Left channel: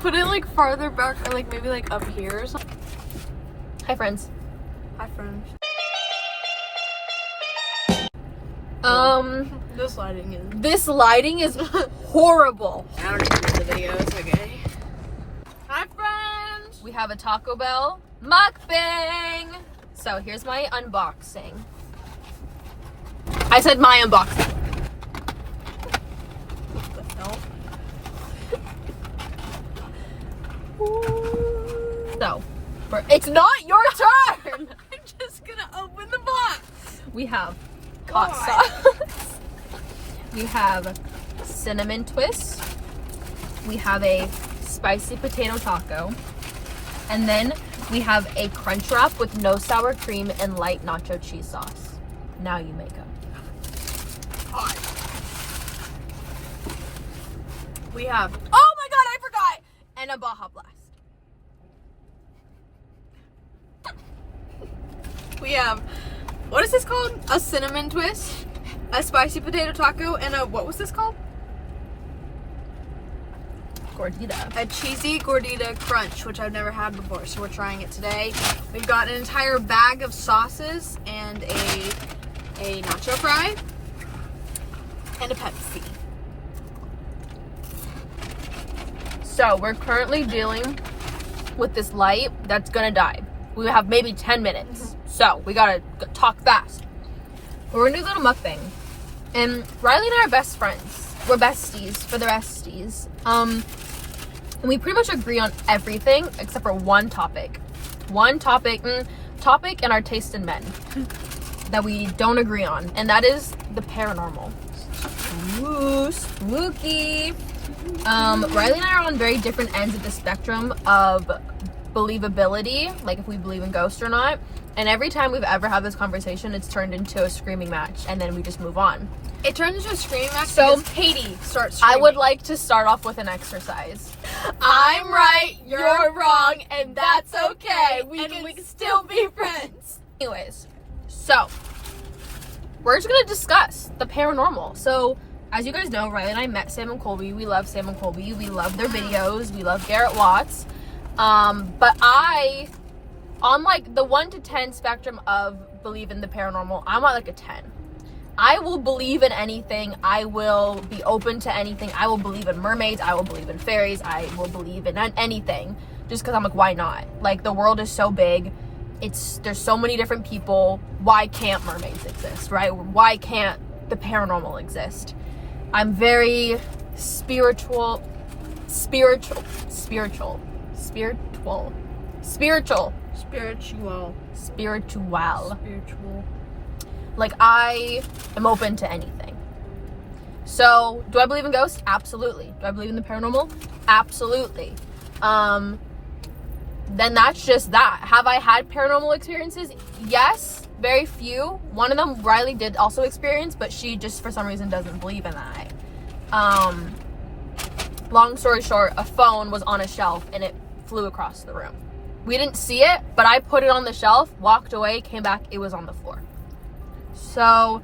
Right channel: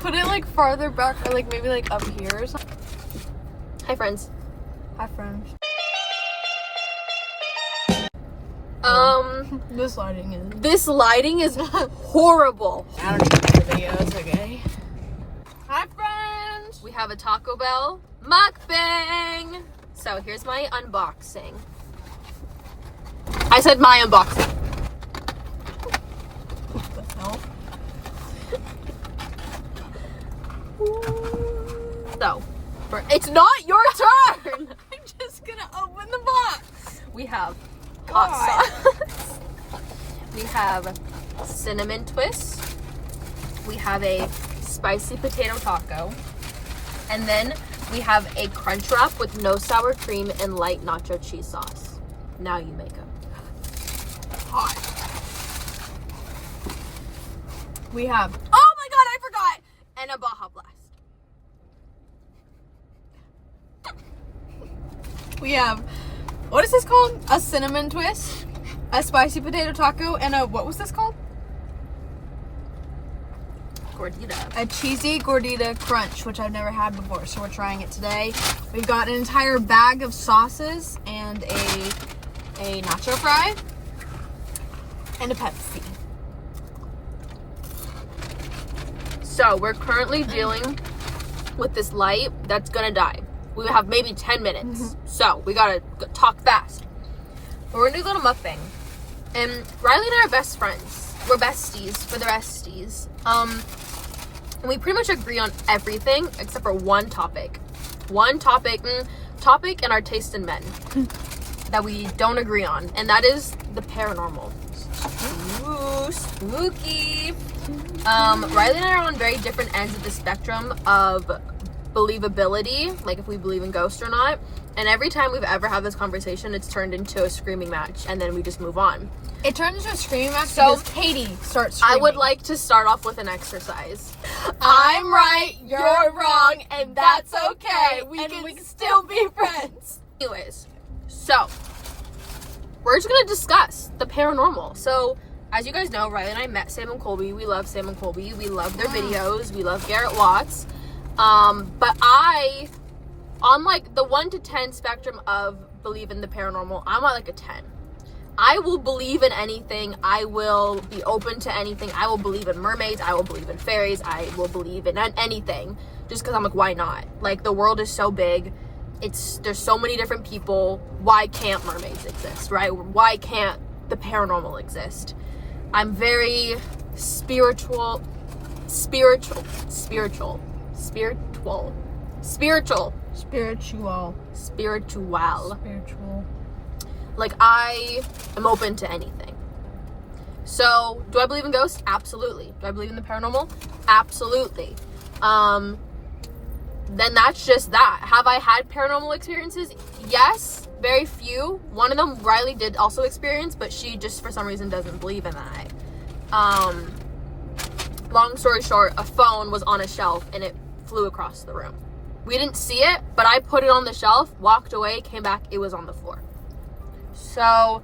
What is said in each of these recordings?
put it like farther back or like maybe like up here or something. Hi friends. Hi friends. This lighting is horrible. I don't even know the video, it's okay. Hi friends. We have a Taco Bell mukbang. So here's my unboxing. I said my unboxing. What the hell? So, it's not your turn. I'm just gonna open the box. We have hot sauce. We have cinnamon twist. We have a spicy potato taco. And then we have a crunch wrap with no sour cream and light nacho cheese sauce. Now you make them. Hot. We have, Oh my god, I forgot! And a Baja Blast. we have, what is this called? A cinnamon twist, a spicy potato taco, and a, what was this called? Gordita. A cheesy gordita crunch, which I've never had before, so we're trying it today. We've got an entire bag of sauces and a nacho fry and a Pepsi. So we're currently dealing with this light that's gonna die. We have maybe 10 minutes. So we gotta talk fast. We're gonna do a little mukbang. And Riley and I are best friends. We're besties for the resties. And we pretty much agree on everything except for one topic. One topic and our taste in men that we don't agree on. And that is the paranormal. Ooh, spooky. Riley and I are on very different ends of the spectrum of believability, like if we believe in ghosts or not. And every time we've ever had this conversation, it's turned into a screaming match, and then we just move on. It turned into a screaming match So, because Katie starts screaming. I would like to start off with an exercise. I'm right, you're wrong, and that's okay. We can still be friends. Anyways, so we're just gonna discuss the paranormal. So, as you guys know, Riley and I met Sam and Colby. We love Sam and Colby. We love their videos. We love Garrett Watts. But on like the 1 to 10 spectrum of believe in the paranormal, I'm at like a 10. I will believe in anything. I will be open to anything. I will believe in mermaids. I will believe in fairies. I will believe in anything. Just because I'm like, why not? Like, the world is so big. There's so many different people. Why can't mermaids exist, right? Why can't the paranormal exist? I'm very spiritual. Like, I am open to anything. So, do I believe in ghosts? Absolutely. Do I believe in the paranormal? Absolutely. Then that's just that. Have I had paranormal experiences? Yes, very few. One of them Riley did also experience, but she just for some reason doesn't believe in that. Long story short, a phone was on a shelf and it flew across the room. We didn't see it, but I put it on the shelf, walked away, came back, it was on the floor. So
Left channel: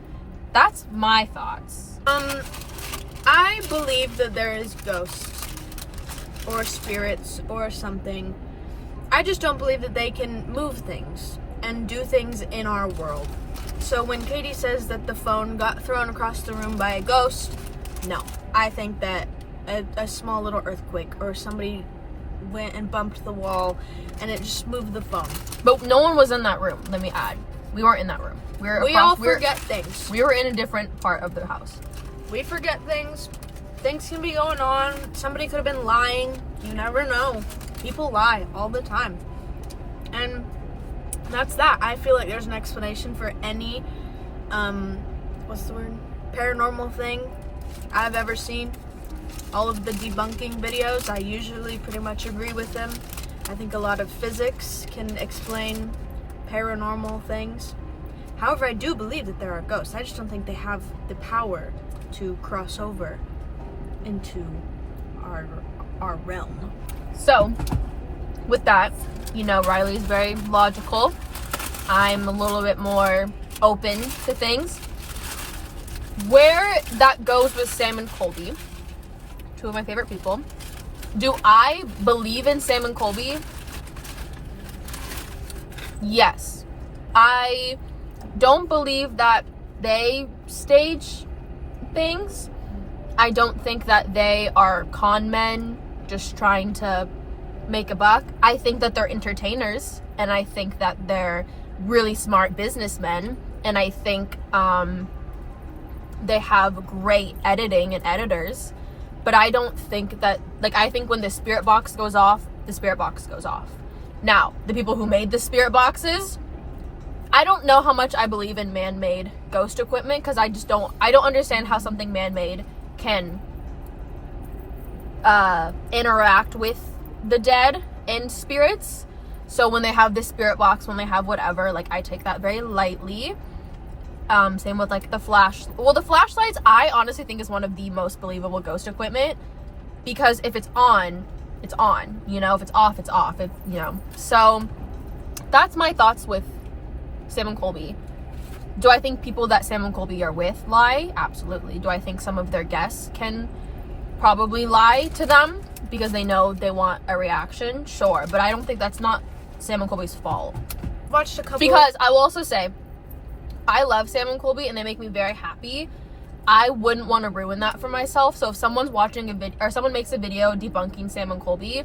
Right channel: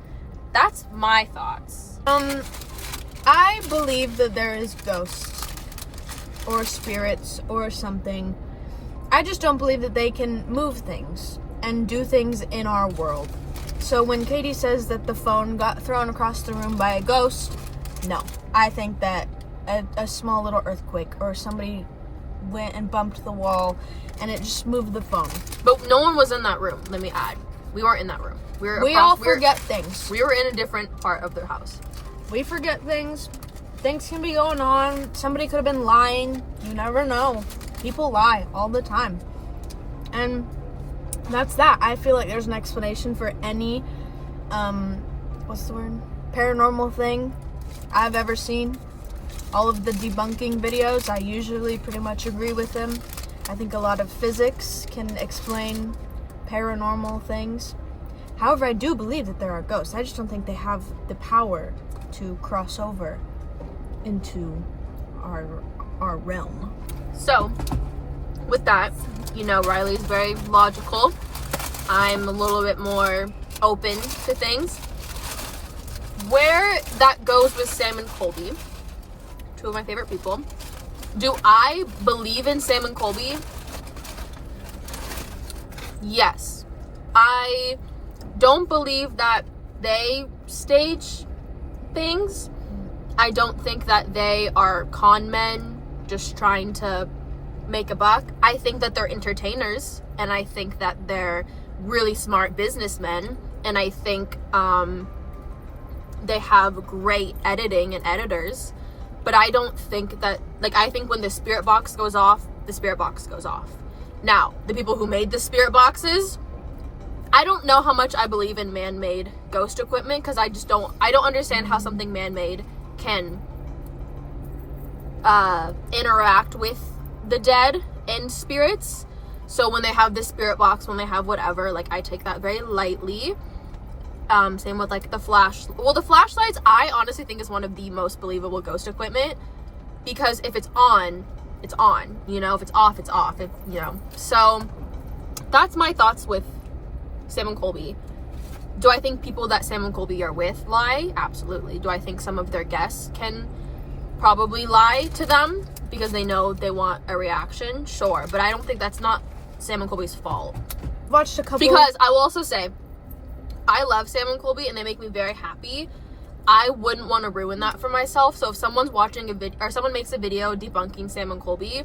that's my thoughts. I believe that there is ghosts or spirits or something. I just don't believe that they can move things and do things in our world. So when Katie says that the phone got thrown across the room by a ghost, no. I think that a small little earthquake or somebody went and bumped the wall and it just moved the phone. But no one was in that room, let me add. We weren't in that room. We all forget things. We were in a different part of the house. We forget things. Things can be going on. Somebody could have been lying. You never know. People lie all the time. And that's that. I feel like there's an explanation for any, what's the word? Paranormal thing I've ever seen. All of the debunking videos, I usually pretty much agree with them. I think a lot of physics can explain paranormal things. However, I do believe that there are ghosts. I just don't think they have the power to cross over into our realm. So, with that, you know, Riley's very logical. I'm a little bit more open to things. Where that goes with Sam and Colby, two of my favorite people, Do I believe in Sam and Colby? Yes. I don't believe that they stage things. I don't think that they are con men just trying to make a buck. I think that they're entertainers, and I think that they're really smart businessmen, and I think they have great editing and editors. But I don't think that, like, I think when the spirit box goes off, the spirit box goes off. Now, the people who made the spirit boxes, I don't know how much I believe in man-made ghost equipment, because I don't understand how something man-made can interact with the dead and spirits. So when they have this spirit box, when they have whatever, like, I take that very lightly. Same with, like, the flashlights, I honestly think is one of the most believable ghost equipment, because if it's on, it's on, you know, if it's off, it's off, you know. So that's my thoughts with Sam and Colby. Do I think people that Sam and Colby are with lie? Absolutely. Do I think some of their guests can probably lie to them because they know they want a reaction? Sure. But I don't think that's not Sam and Colby's fault. Watched a couple. Because I will also say, I love Sam and Colby and they make me very happy. I wouldn't want to ruin that for myself. So if someone's watching a video, or someone makes a video debunking Sam and Colby,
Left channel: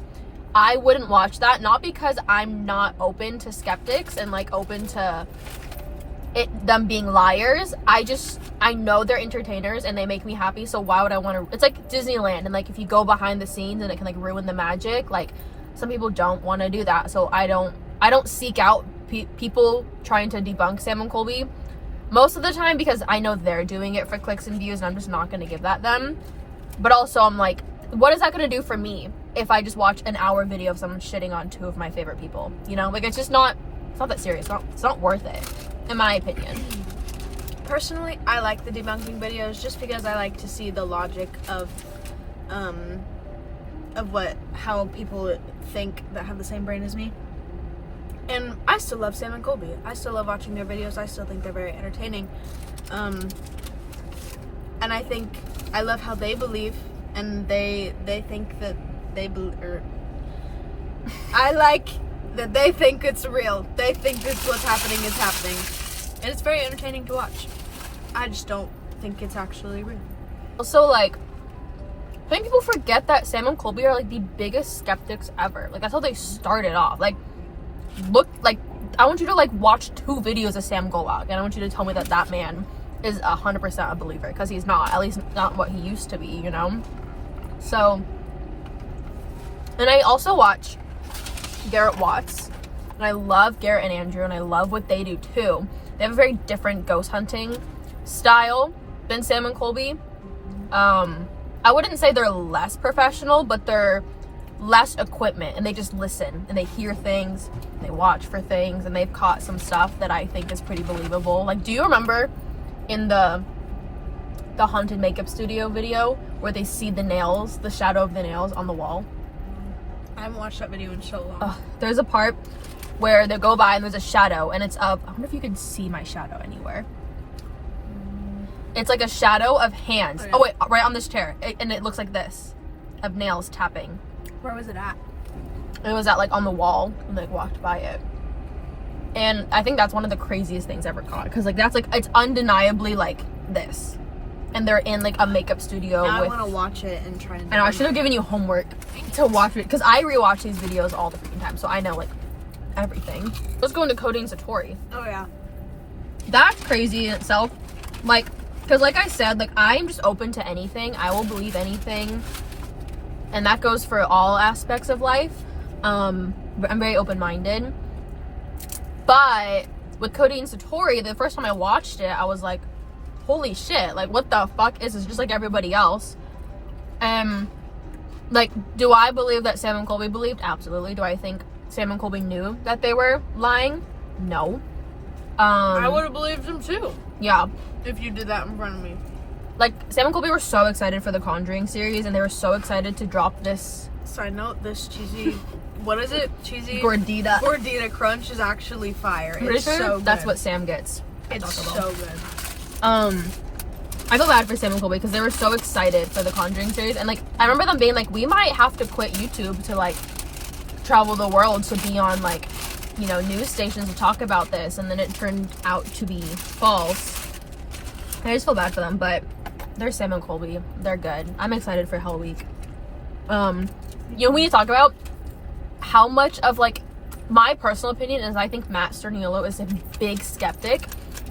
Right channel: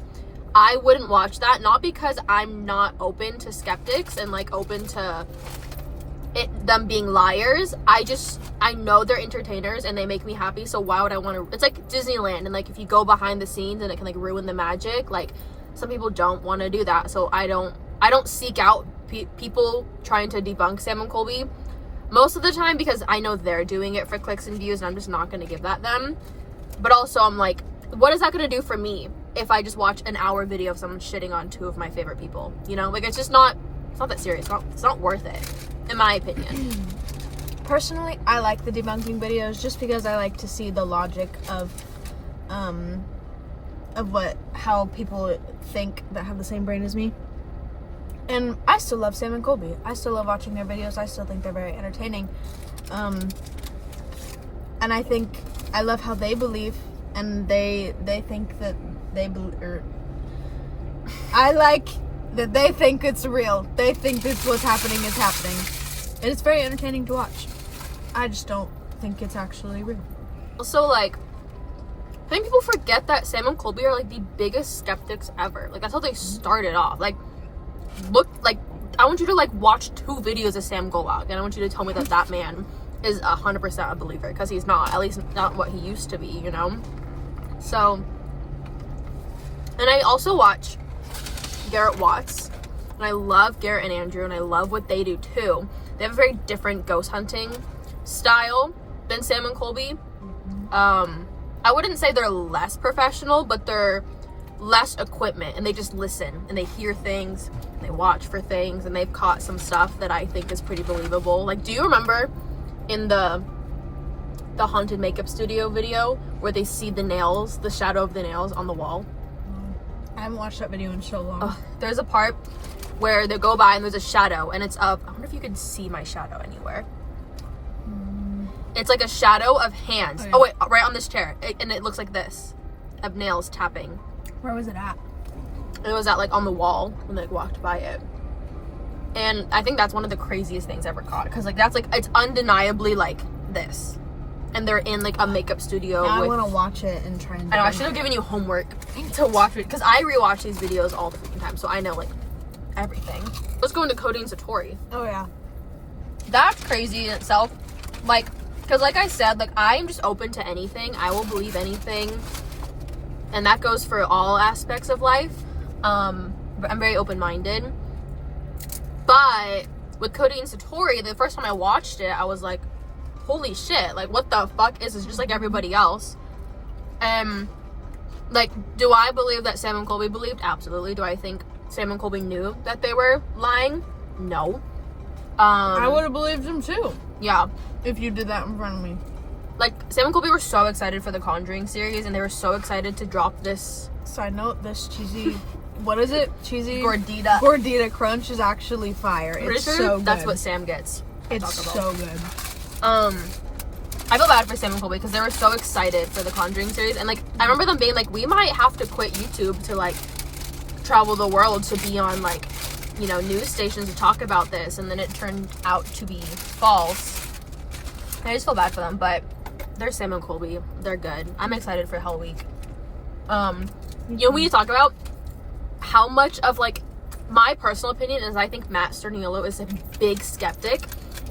I wouldn't watch that. Not because I'm not open to skeptics and, like, open to them being liars. I know they're entertainers and they make me happy. So why would I want to? It's like Disneyland, and, like, if you go behind the scenes and it can, like, ruin the magic, like, some people don't want to do that. So I don't seek out people trying to debunk Sam and Colby most of the time, because I know they're doing it for clicks and views, and I'm just not going to give that them. But also, I'm like, what is that going to do for me if I just watch an hour video of someone shitting on two of my favorite people? You know, like, it's not that serious. It's not worth it, in my opinion. Personally, I like the debunking videos just because I like to see the logic of how people think that have the same brain as me. And I still love Sam and Colby. I still love watching their videos. I still think they're very entertaining. And I think I love how they believe, and they think that they believe. I like that they think it's real. They think that what's happening is happening. And it's very entertaining to watch. I just don't think it's actually real. Also, like, I think people forget that Sam and Colby are, like, the biggest skeptics ever. Like, that's how they started off. Like, look, like, I want you to, like, watch 2 videos of Sam Golok, and I want you to tell me that that man is 100% a believer, because he's not, at least not what he used to be, you know? So, and I also watch Garrett Watts, and I love Garrett and Andrew, and I love what they do too. They have a very different ghost hunting style than Sam and Colby. I wouldn't say they're less professional, but they're less equipment, and they just listen and they hear things, and they watch for things, and they've caught some stuff that I think is pretty believable. Like, do you remember in the haunted makeup studio video where they see the nails, the shadow of the nails on the wall? I haven't watched that video in so long. There's a part where they go by and there's a shadow, and it's up. I wonder if you can see my shadow anywhere. It's like a shadow of hands. Oh wait, right on this chair, and it looks like this, of nails tapping. Where was it at? It was at, like, on the wall when they walked by it. And I think that's one of the craziest things ever caught, because, like, that's, like, it's undeniably, like, this. And they're in, like, a makeup studio. Now I want to watch it and try and I know, I should have given you homework to watch it, because I rewatch these videos all the freaking time, so I know, like, everything. Let's go into Codeine Satori. Oh yeah, That's crazy in itself. Like, because, like I said, like, I'm just open to anything. I will believe anything. And that goes for all aspects of life. I'm very open-minded. But with Codeine Satori, the first time I watched it, I was like, holy shit, like, what the fuck is this? Just like everybody else. Like, do I believe that Sam and Colby believed? Absolutely. Do I think Sam and Colby knew that they were lying? No. I would have believed him too. Yeah. If you did that in front of me. Like, Sam and Colby were so excited for the Conjuring series, and they were so excited to drop this. Side note, this cheesy, what is it? Cheesy Gordita crunch is actually fire. It's so good. That's what Sam gets. It's so good. I feel bad for Sam and Colby because they were so excited for the Conjuring series, and like I remember them being like, we might have to quit YouTube to like travel the world to be on like, you know, news stations to talk about this, and then it turned out to be false. I just feel bad for them, but they're Sam and Colby. They're good. I'm excited for Hell Week. You know, we need to talk about how much of like my personal opinion is I think Matt Sturniolo is a big skeptic,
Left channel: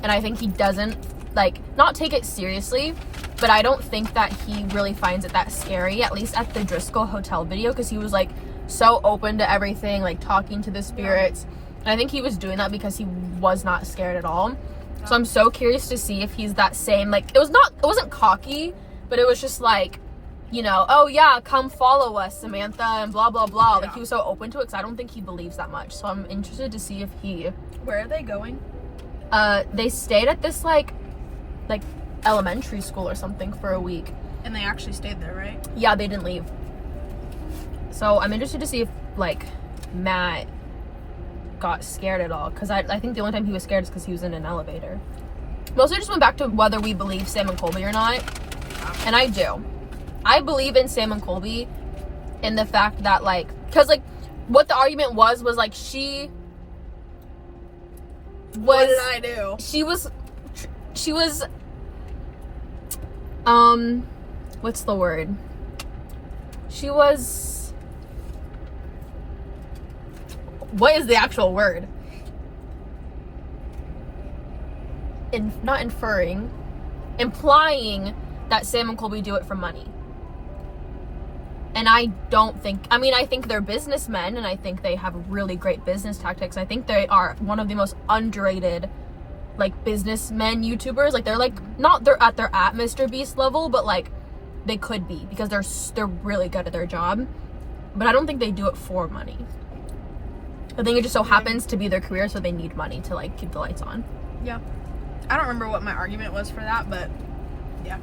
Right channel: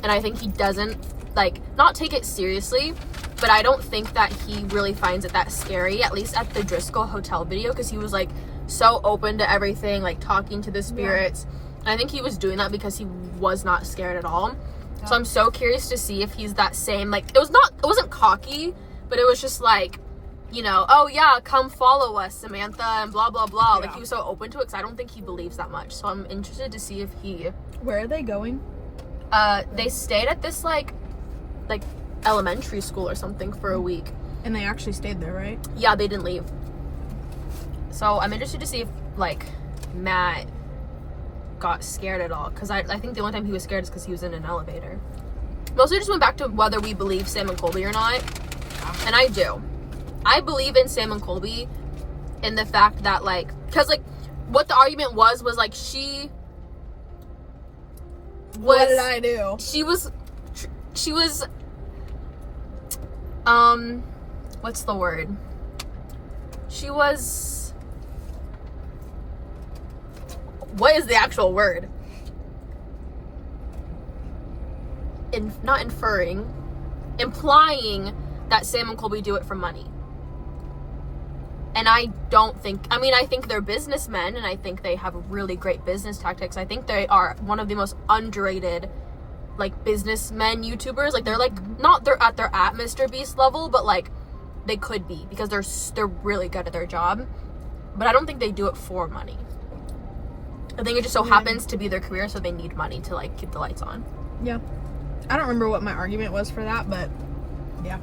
and I think he doesn't like not take it seriously, but I don't think that he really finds it that scary, at least at the Driscoll Hotel video, because he was like so open to everything, like talking to the spirits. I think he was doing that because he was not scared at all. So I'm so curious to see if he's that same, like, it wasn't cocky, but it was just like, you know, oh yeah, come follow us, Samantha, and blah, blah, blah. Like, he was so open to it because I don't think he believes that much. So I'm interested to see if he... Where are they going? They stayed at this, like elementary school or something for a week. And they actually stayed there, right? Yeah, they didn't leave. So I'm interested to see if, like, Matt got scared at all. Because I think the only time he was scared is because he was in an elevator. Mostly just went back to whether we believe Sam and Colby or not. And I do. I believe in Sam and Colby in the fact that, like, because, like, what the argument was, like, she was... What did I do? She was, what's the word? She was... What is the actual word? Not inferring. Implying that Sam and Colby do it for money. And I don't think... I mean, I think they're businessmen, and I think they have really great business tactics. I think they are one of the most underrated, like, businessmen YouTubers. Like, they're, like, not they're at Mr. Beast level, but, like, they could be, because they're really good at their job. But I don't think they do it for money. I think it just so happens to be their career, so they need money to, like, keep the lights on. Yeah. I don't remember what my argument was for that, but yeah.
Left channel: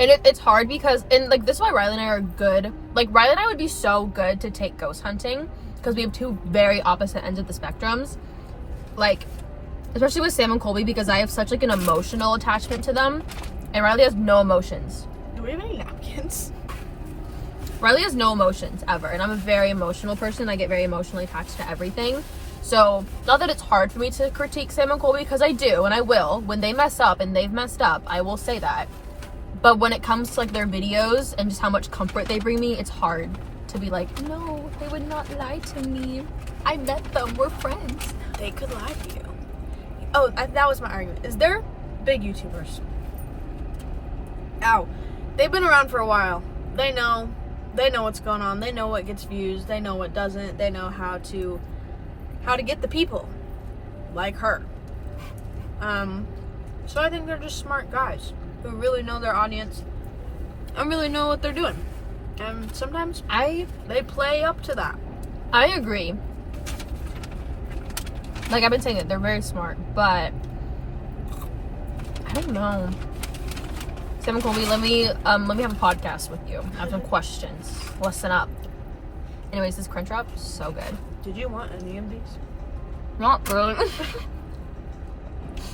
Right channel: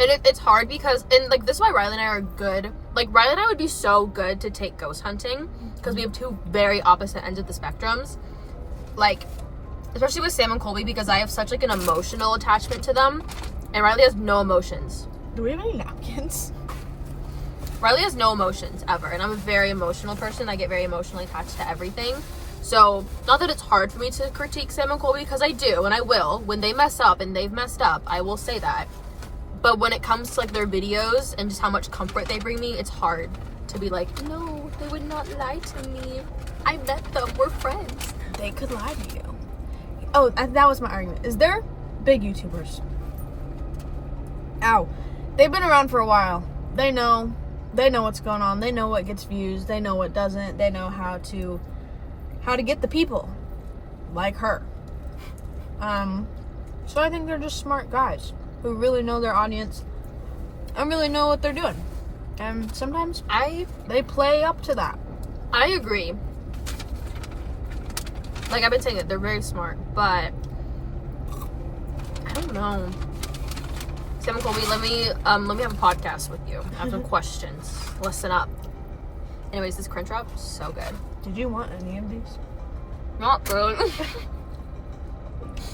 And it's hard because, and like, this is why Riley and I are good. Like, Riley and I would be so good to take ghost hunting because we have two very opposite ends of the spectrums. Like, especially with Sam and Colby, because I have such, like, an emotional attachment to them, and Riley has no emotions. Do we have any napkins? Riley has no emotions ever, and I'm a very emotional person. I get very emotionally attached to everything. So, not that it's hard for me to critique Sam and Colby, because I do, and I will. When they mess up, and they've messed up, I will say that. But when it comes to, like, their videos and just how much comfort they bring me, it's hard to be like, no, they would not lie to me. I met them. We're friends. They could lie to you. Oh, that was my argument. Is there big YouTubers? Ow. They've been around for a while. They know what's going on. They know what gets views. They know what doesn't. They know how to get the people like her. So I think they're just smart guys who really know their audience and really know what they're doing. And sometimes they play up to that. I agree. Like, I've been saying it, they're very smart, but I don't know. Sam and Colby, let me have a podcast with you. I have some questions. Listen up. Anyways, this crunch wrap, so good. Did you want any of these? Not really.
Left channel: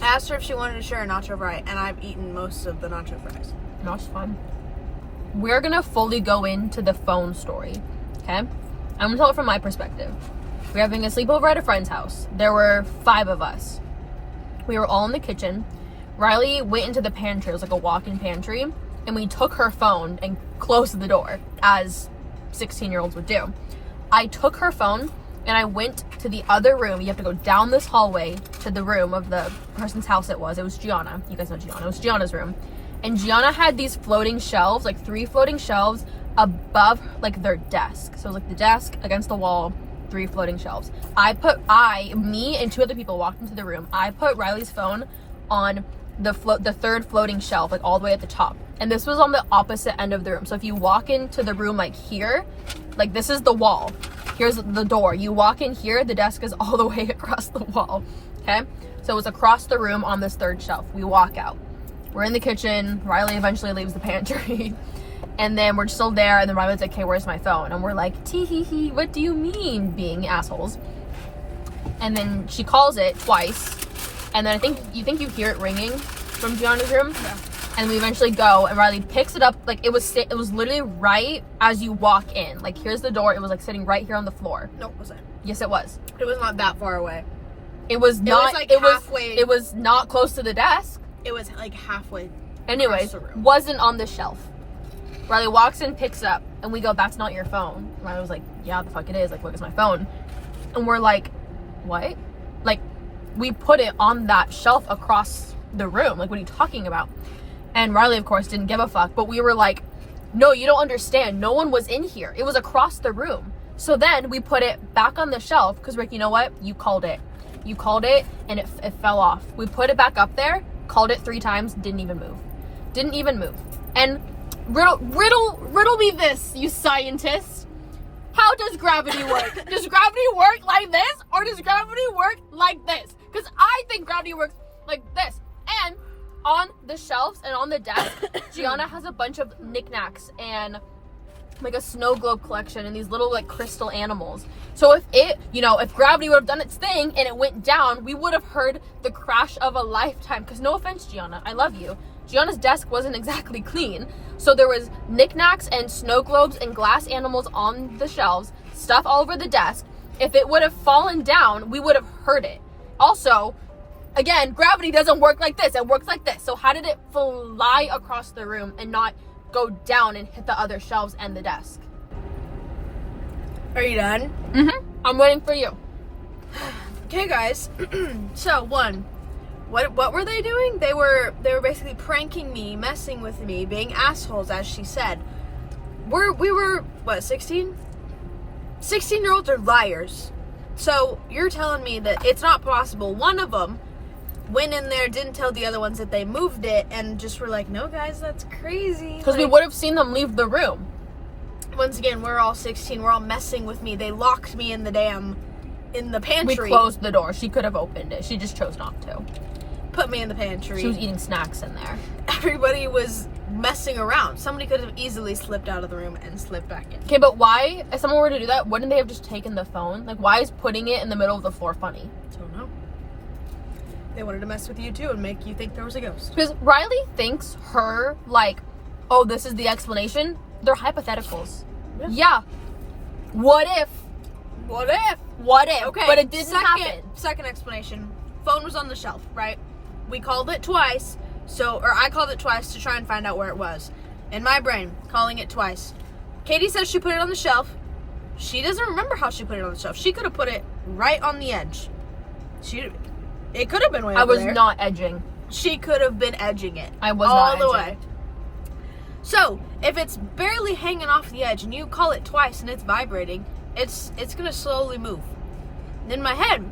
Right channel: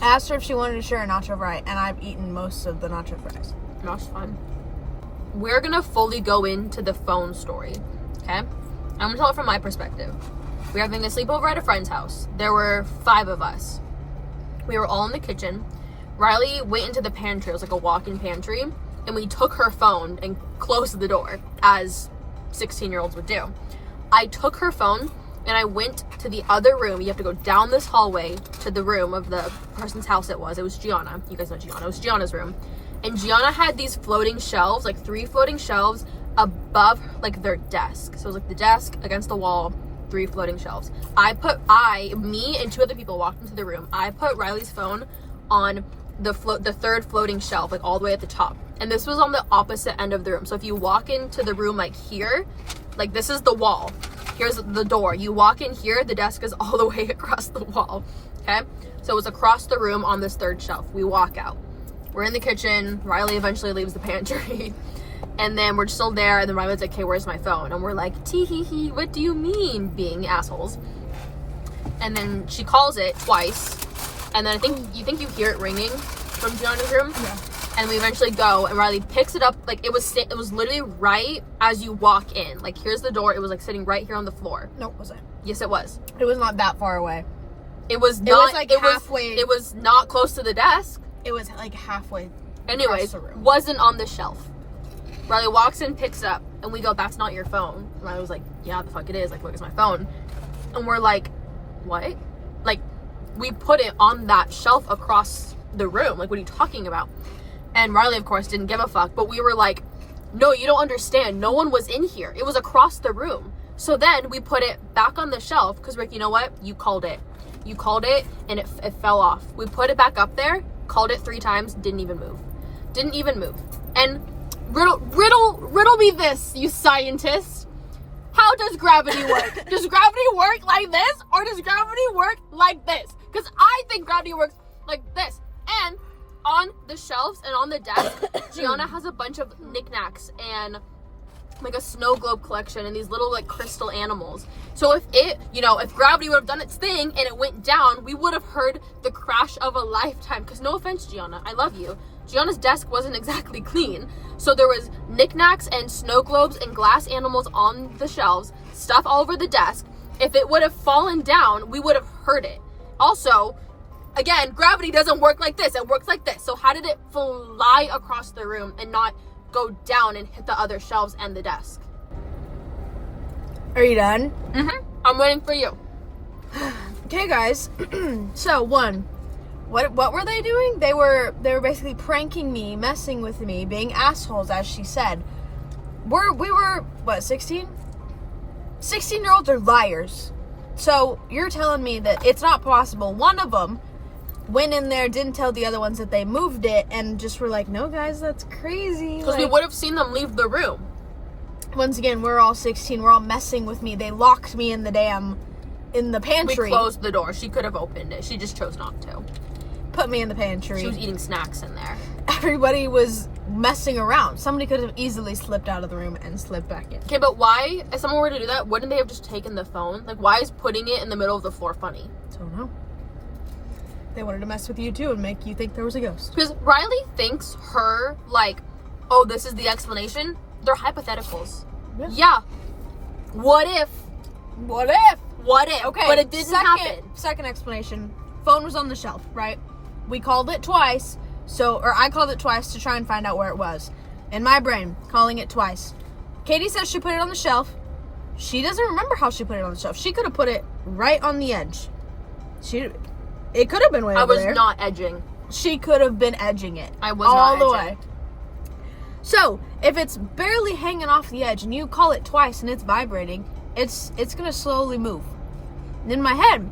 I asked her if she wanted to share a nacho fry, and I've eaten most of the nacho fries. That's fun. We're gonna fully go into the phone story, okay? I'm gonna tell it from my perspective. We were having a sleepover at a friend's house. There were 5 of us. We were all in the kitchen. Riley went into the pantry. It was like a walk-in pantry. And we took her phone and closed the door, as 16-year-olds would do. I took her phone and I went to the other room. You have to go down this hallway to the room of the person's house it was. It was Gianna. You guys know Gianna. It was Gianna's room. And Gianna had these floating shelves, like 3 floating shelves above, like, their desk. So it was like the desk against the wall, 3 floating shelves. Me and 2 other people walked into the room. I put Riley's phone on the 3rd floating shelf, like all the way at the top. And this was on the opposite end of the room. So if you walk into the room, like, here, like, this is the wall. Here's the door. You walk in here, the desk is all the way across the wall. Okay? So it was across the room on this 3rd shelf. We walk out. We're in the kitchen. Riley eventually leaves the pantry. And then we're still there. And then Riley's like, okay, where's my phone? And we're like, tee-hee-hee, what do you mean, being assholes? And then she calls it twice. And then you think you hear it ringing from Gianna's room? Yeah. And we eventually go, and Riley picks it up. Like, it was literally right as you walk in. Like, here's the door. It was like sitting right here on the floor. No, it wasn't. Yes, it was. It was not that far away. It was not. It was like halfway. It was not close to the desk. It was like halfway. Anyways, the room. wasn't on the shelf. Riley walks in, picks it up, and we go, "That's not your phone." And Riley was like, "Yeah, the fuck it is. Like, look, it's my phone." And we're like, "What?" Like, we put it on that shelf across the room. Like, what are you talking about? And Riley, of course, didn't give a fuck. But we were like, "No, you don't understand. No one was in here. It was across the room." So then we put it back on the shelf because, Rick, you know what? You called it. You called it, and it fell off. We put it back up there, called it 3 times, didn't even move. Didn't even move. And riddle me this, you scientists. How does gravity work? Does gravity work like this, or does gravity work like this? Because I think gravity works like this. And on the shelves and on the desk, Gianna has a bunch of knickknacks and like a snow globe collection and these little like crystal animals. So if gravity would have done its thing and it went down, we would have heard the crash of a lifetime. Because no offense, Gianna, I love you. Gianna's desk wasn't exactly clean. So there was knickknacks and snow globes and glass animals on the shelves, stuff all over the desk. If it would have fallen down, we would have heard it. Also, again, gravity doesn't work like this. It works like this. So how did it fly across the room and not go down and hit the other shelves and the desk? Are you done? Mm-hmm. I'm waiting for you. Okay, guys. So, what were they doing? They were basically pranking me, messing with me, being assholes, as she said. We were what, 16? 16-year-olds are liars. So you're telling me that it's not possible. One of them went in there, didn't tell the other ones that they moved it, and just were like, "No, guys, that's crazy." Because we would have seen them leave the room. Once again, we're all 16. We're all messing with me. They locked me in the pantry. We closed the door. She could have opened it. She just chose not to. Put me in the pantry. She was eating snacks in there. Everybody was messing around. Somebody could have easily slipped out of the room and slipped back in. Okay, but why, if someone were to do that, wouldn't they have just taken the phone? Like, why is putting it in the middle of the floor funny? I don't know. They wanted to mess with you too and make you think there was a ghost. Because Riley thinks her, like, oh, this is the explanation. They're hypotheticals. Yeah. What if? What if? What if? Okay, but it didn't happen. Second explanation. Phone was on the shelf, right? We called it twice, or I called it twice to try and find out where it was. In my brain, calling it twice. Katie says she put it on the shelf. She doesn't remember how she put it on the shelf. She could have put it right on the edge. It could have been way over there. I was not edging. She could have been edging it. I was not edging. All the way. So, if it's barely hanging off the edge and you call it twice and it's vibrating, it's going to slowly move. In my head,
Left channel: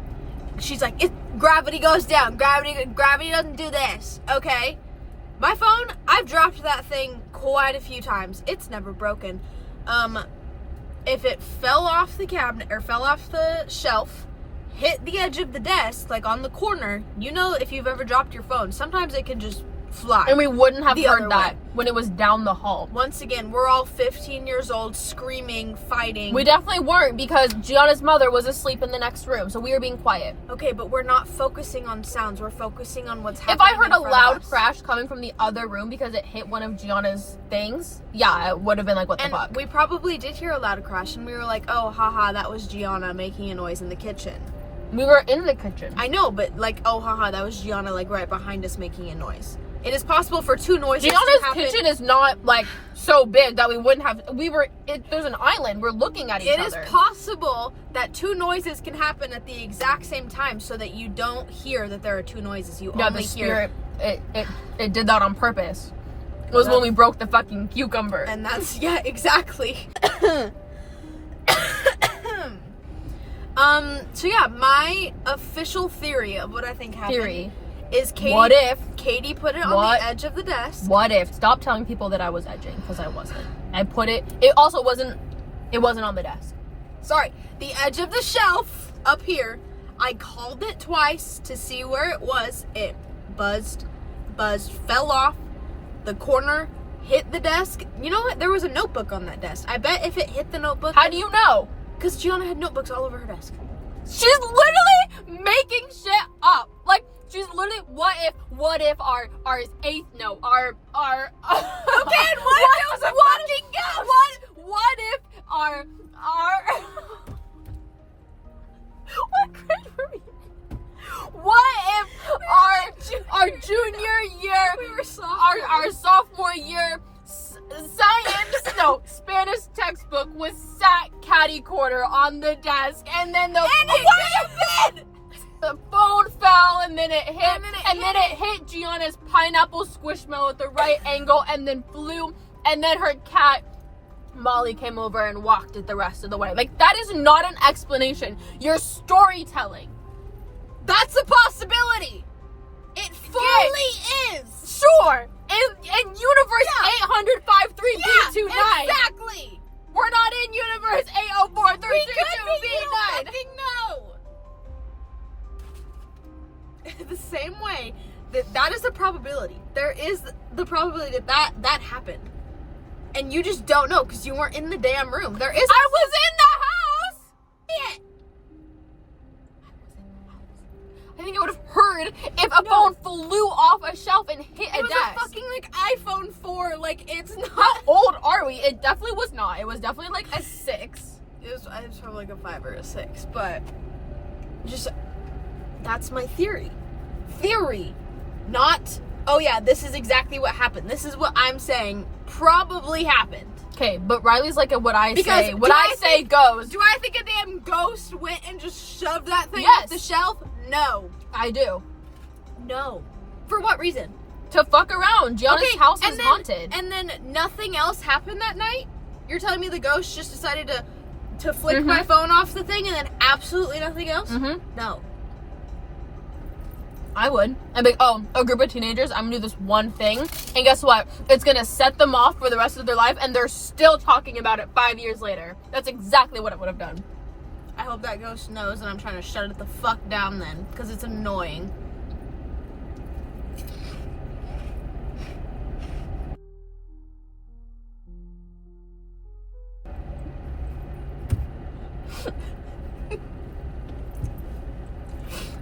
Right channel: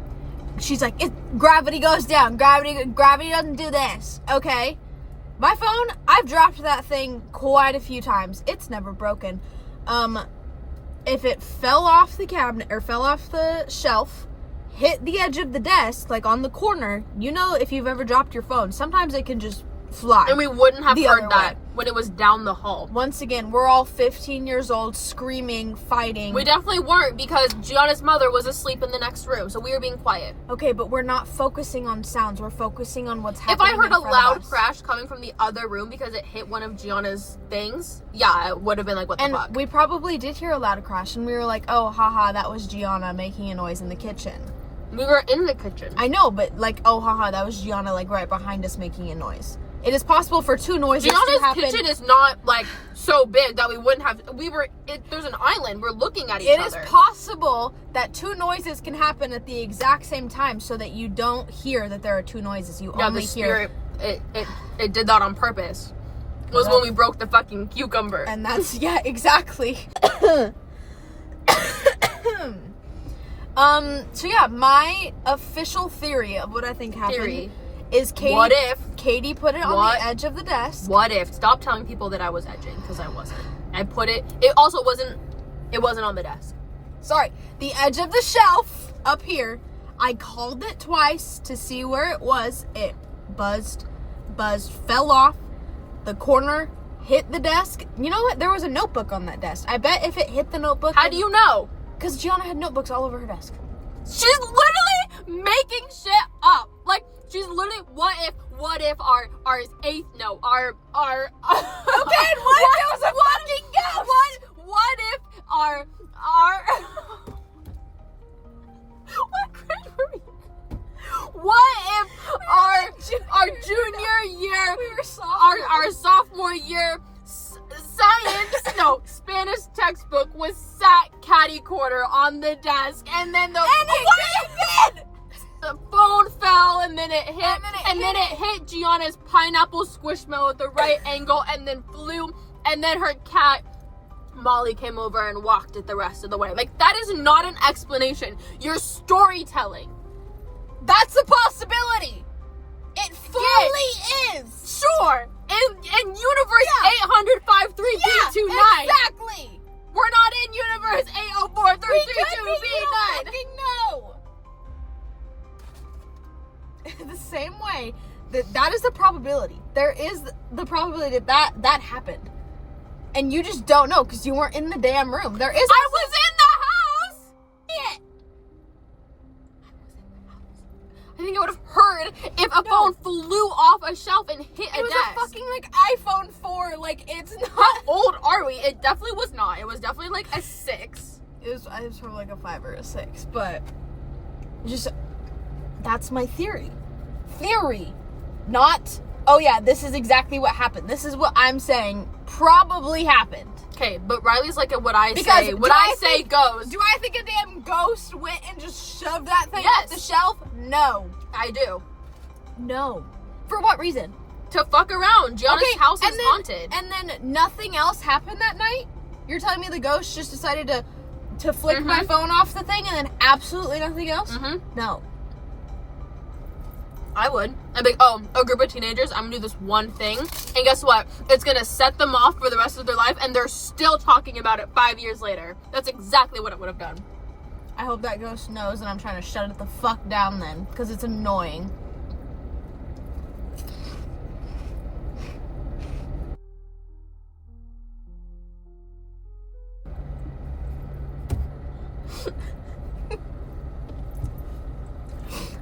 she's like, gravity goes down. Gravity doesn't do this. Okay. My phone, I've dropped that thing quite a few times. It's never broken. If it fell off the cabinet or fell off the shelf, hit the edge of the desk, like on the corner, if you've ever dropped your phone, sometimes it can just fly. And we wouldn't have heard that when it was down the hall. Once again, we're all 15 years old, screaming, fighting. We definitely weren't, because Gianna's mother was asleep in the next room, so we were being quiet. Okay, but we're not focusing on sounds. We're focusing on what's happening. If I heard a loud crash coming from the other room because it hit one of Gianna's things, yeah, it would have been like, what the fuck? And we probably did hear a loud crash, and we were like, oh, haha, that was Gianna making a noise in the kitchen. We were in the kitchen. I know, but like, oh, haha, that was Gianna, like, right behind us making a noise. It is possible for two noises to happen. Gianna's kitchen is not, like, so big that we wouldn't have... There's an island. We're looking at each other. It is possible that two noises can happen at the exact same time so that you don't hear that there are two noises. You only hear... It did that on purpose. It was when we broke the fucking cucumber. And that's... Yeah, exactly. So yeah, my official theory of what I think happened is Katie put it on the edge of the desk. What if? Stop telling people that I was edging, because I wasn't. I put it also wasn't on the desk. Sorry, the edge of the shelf up here. I called it twice to see where it was. It buzzed, fell off the corner, hit the desk. You know what? There was a notebook on that desk. I bet if it hit the notebook... How do you know? Because Gianna had notebooks all over her desk. She's literally making shit up. Like, She's literally, what if our eighth, no, our Okay, and what if there was a fucking ghost? What if our what grade were we? What if our junior year, We were our sophomore year Spanish textbook was sat catty corner on the desk, and then the phone fell, and then it hit Gianna's pineapple squishmallow at the right angle, and then flew, and then her cat Molly came over and walked it the rest of the way. Like, that is not an explanation. You're storytelling. That's a possibility. It fully is. Sure. In universe 800-53-B29. Exactly. We're not in universe 804-332-B9. No. The same way that is the probability. There is the probability that happened. And you just don't know because you weren't in the damn room. I was in the house. Yeah. I think I would have heard if a phone flew off a shelf and hit a It was desk. a fucking iPhone 4. It's not. How old are we? It definitely was not. It was definitely like a 6. It was probably like a 5 or a 6, but that's my theory. Not, oh yeah, this is exactly what happened. This is what I'm saying probably happened. Okay, but Riley's like what I Because say. do What I I say think- goes. Do I think a damn ghost went and just shoved that thing Yes. off the shelf? No. I do. No. For what reason? To fuck around. Gianna's house is haunted. And then nothing else happened that night? You're telling me the ghost just decided to flick my phone off the thing and then absolutely nothing else? Mm-hmm. No. I would. I'd be like, a group of teenagers, I'm gonna do this one thing, and guess what? It's gonna set them off for the rest of their life, and they're still talking about it 5 years later. That's exactly what I would have done. I hope that ghost knows that I'm trying to shut it the fuck down then, because it's annoying.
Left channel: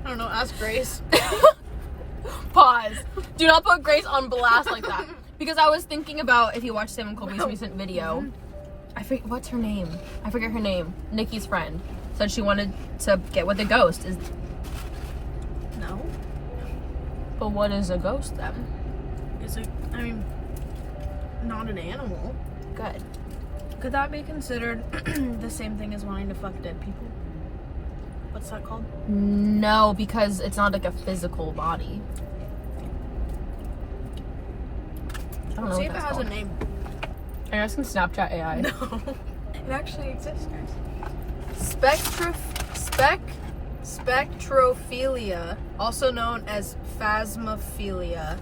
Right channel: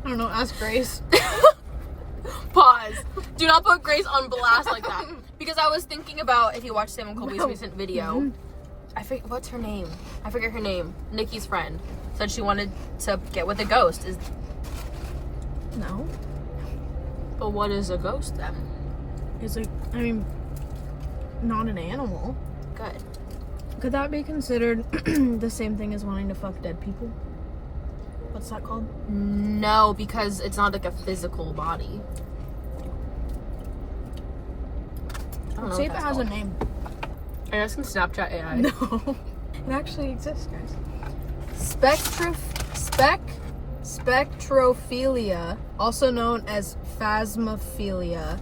I don't know, ask Grace. Pause. Do not put Grace on blast like that. Because I was thinking about, if you watched Sam and Colby's recent video, I forget, what's her name? I forget her name. Nikki's friend said she wanted to get with a ghost. No. But what is a ghost then? It's not an animal. Good. Could that be considered the same thing as wanting to fuck dead people? What's that called? No, because it's not like a physical body. I don't know. See if it has a name. Are you asking Snapchat AI? No. It actually exists, guys. Spectrophilia, also known as phasmophilia,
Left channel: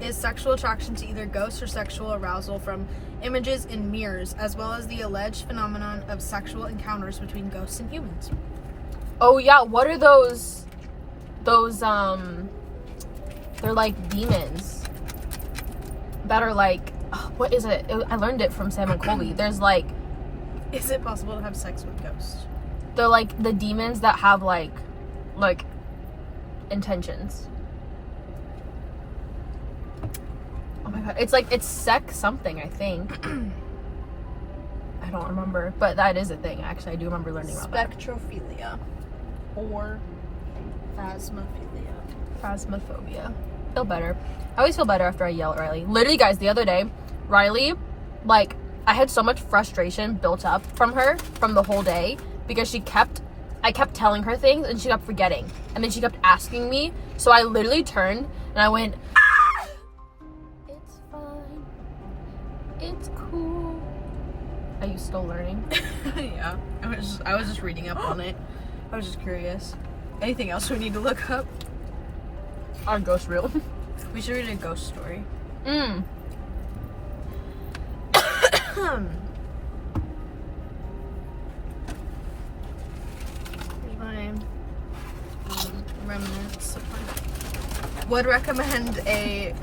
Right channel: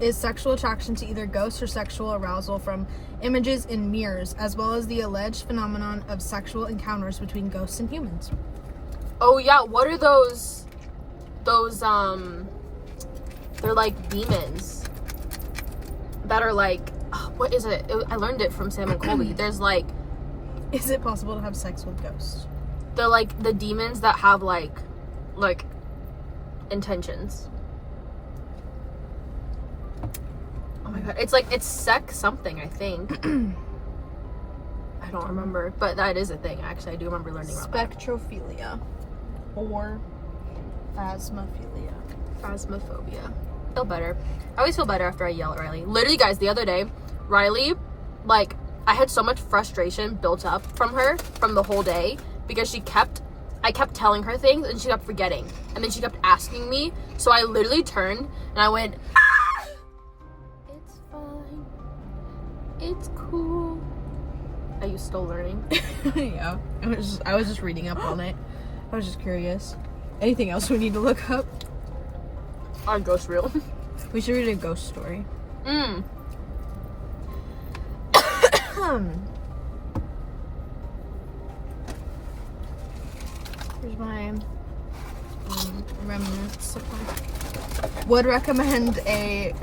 is sexual attraction to either ghosts or sexual arousal from images in mirrors, as well as the alleged phenomenon of sexual encounters between ghosts and humans. Oh yeah, what are those they're like demons that are like, what is it? I learned it from Sam and Colby. There's like, Is it possible to have sex with ghosts? they're like the demons that have like intentions. Oh my god, it's sex something, I think. I don't remember, but that is a thing. Actually, I do remember learning about that. Spectrophilia. Or phasmophilia. Phasmophobia. Feel better. I always feel better after I yell at Riley. Literally, guys, the other day, Riley, like, I had so much frustration built up from her from the whole day because I kept telling her things and she kept forgetting. And then she kept asking me. So I literally turned and I went, ah! It's fine. It's cool. Are you still learning? Yeah. I was just reading up on it. I was just curious. Anything else we need to look up? Our ghost reel. We should read a ghost story. Here's my remnants. Would recommend a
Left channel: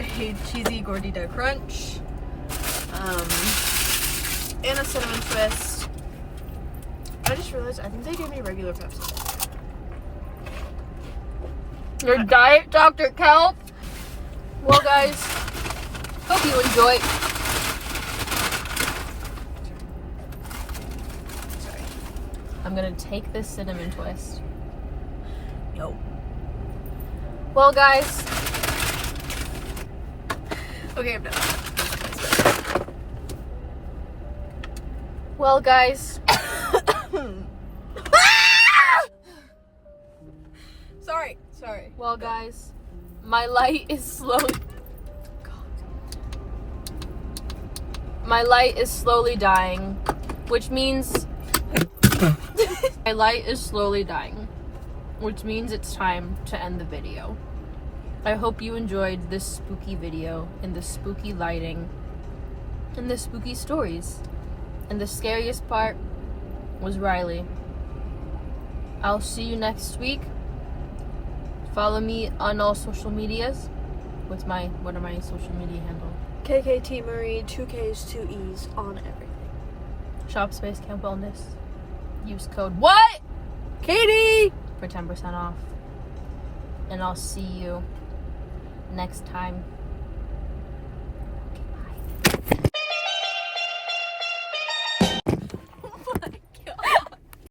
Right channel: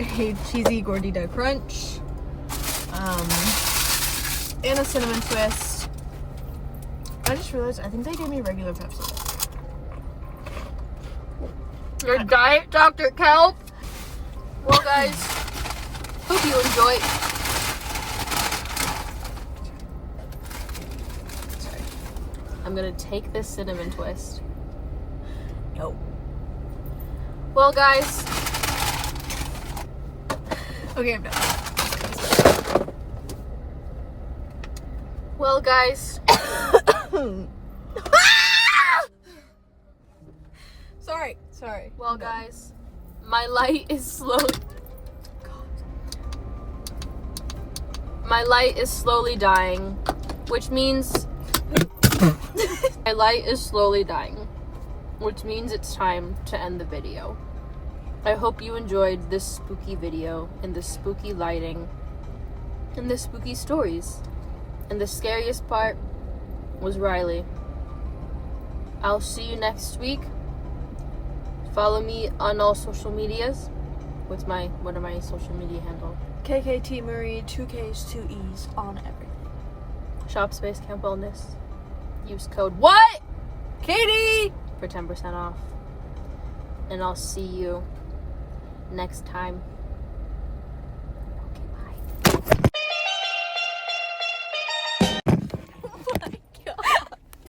cheesy gordita crunch. And a cinnamon twist. I just realized I think they gave me regular Pepsi. Your diet Dr. Kelp. Well, guys, hope you enjoy. Sorry. I'm gonna take this cinnamon twist. Yo. Well, guys. Okay, I'm done. Well, guys. Sorry. Well, guys, my light is slowly. My light is slowly dying, which means my light is slowly dying, which means it's time to end the video. I hope you enjoyed this spooky video and the spooky lighting and the spooky stories. And the scariest part was Riley. I'll see you next week. Follow me on all social medias. What are my social media handle? kktmariee, 2 Ks, 2 Es on everything. Shop Space Camp Wellness. Use code WHAT? Katie! For 10% off. And I'll see you next time.